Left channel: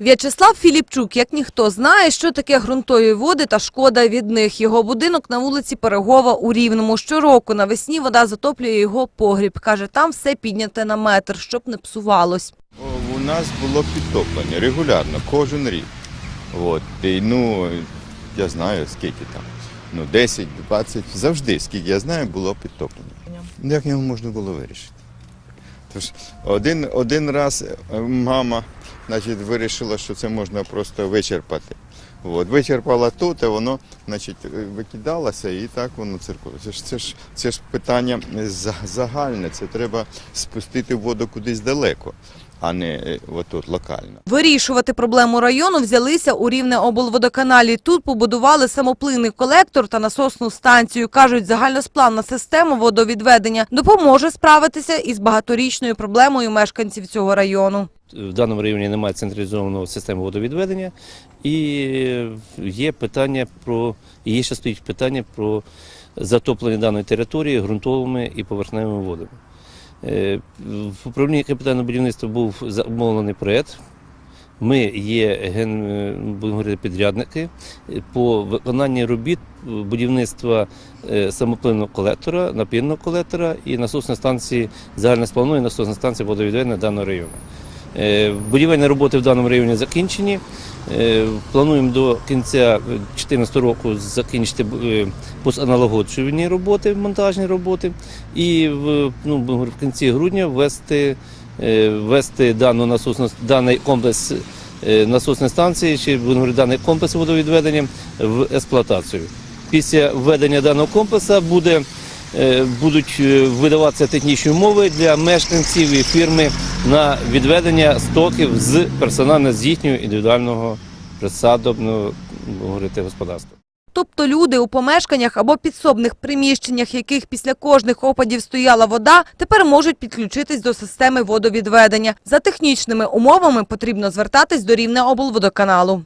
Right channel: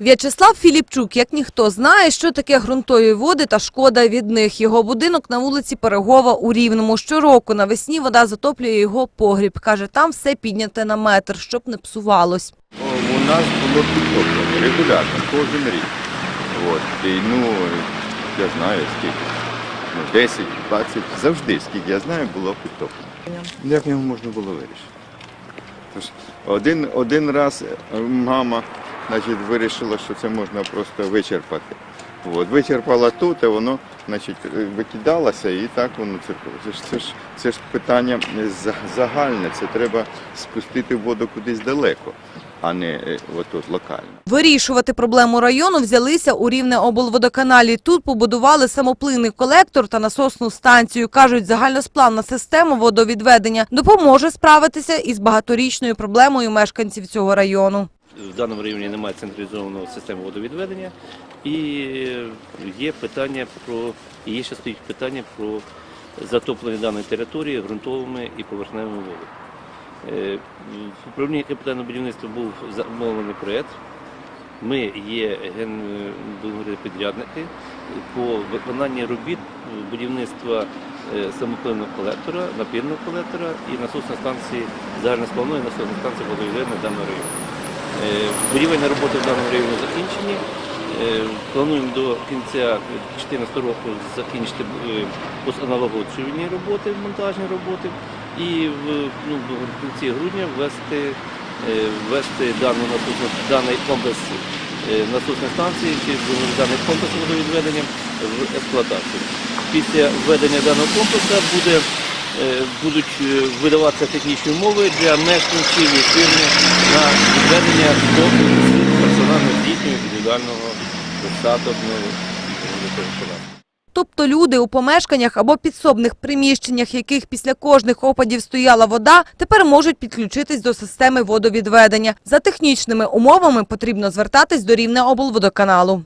В'ячеслав Філіпчук, як ніхто, знає, що таке ґрунтові води та шкода від них. Його будинок на вулиці Перегова у Рівному. Щороку навесні вода затоплює його погріб. Каже, там все підняте на метр, щоб не псувалось. У нас було підтоплення регулярно, кожен рік. От. І, ну, я знаю скільки. Ну, 10, 20, завжди, скільки я знаю, було підтоплення. Як його можна було вирішити? Тож один, один раз е, мама значить, вирішила, що це можна просто вичерпати. От, вичерпала тут, а воно значить, е, викидалося і так воно циркуло. Це ж, це ж, це ж питання загальне, це треба спустити воду кудись далеко, а не е, отут локально. Вирішувати проблему району взялися у Рівне облводоканалі. Тут побудували самоплинний колектор та насосну станцію. Кажуть, загальносплавна система водовідведення допоможе справитися із багаторічною проблемою мешканців цього району. В даному районі немає централізованої системи водовідведення, і є питання про і є ще стоїть питання про затоплення даної території ґрунтовими і поверхневими водами. Е, В управлінні капітального будівництва був замовлений проєкт. Ми є ген, е, будемо говорити, підрядники по виконанні робіт будівництва е, самопливного колектора, напірного колектора і насосної станції загальносплавної насосної станції водовідведення даного району. Будівельні роботи в даному районі закінчені. Е, Плануємо до кінця 2014 року закінчити е, роботи, монтажні роботи, і в, ну, в кінці грудня ввести, е, ввести дану насосну, даний комплекс насосної станції чи даний комплекс водовідведення в експлуатацію. Після введення даного комплексу буде будуть е, видаватися технічні умови для мешканців і фірми на відведення стоків з персонально здійснює індивідуального присадобного. Тобто люди у помешканнях або підсобних приміщеннях, яких після кожних опадів стояла вода, тепер можуть підключитись до системи водовідведення. За технічними умовами потрібно звертатись до Рівне облводоканалу.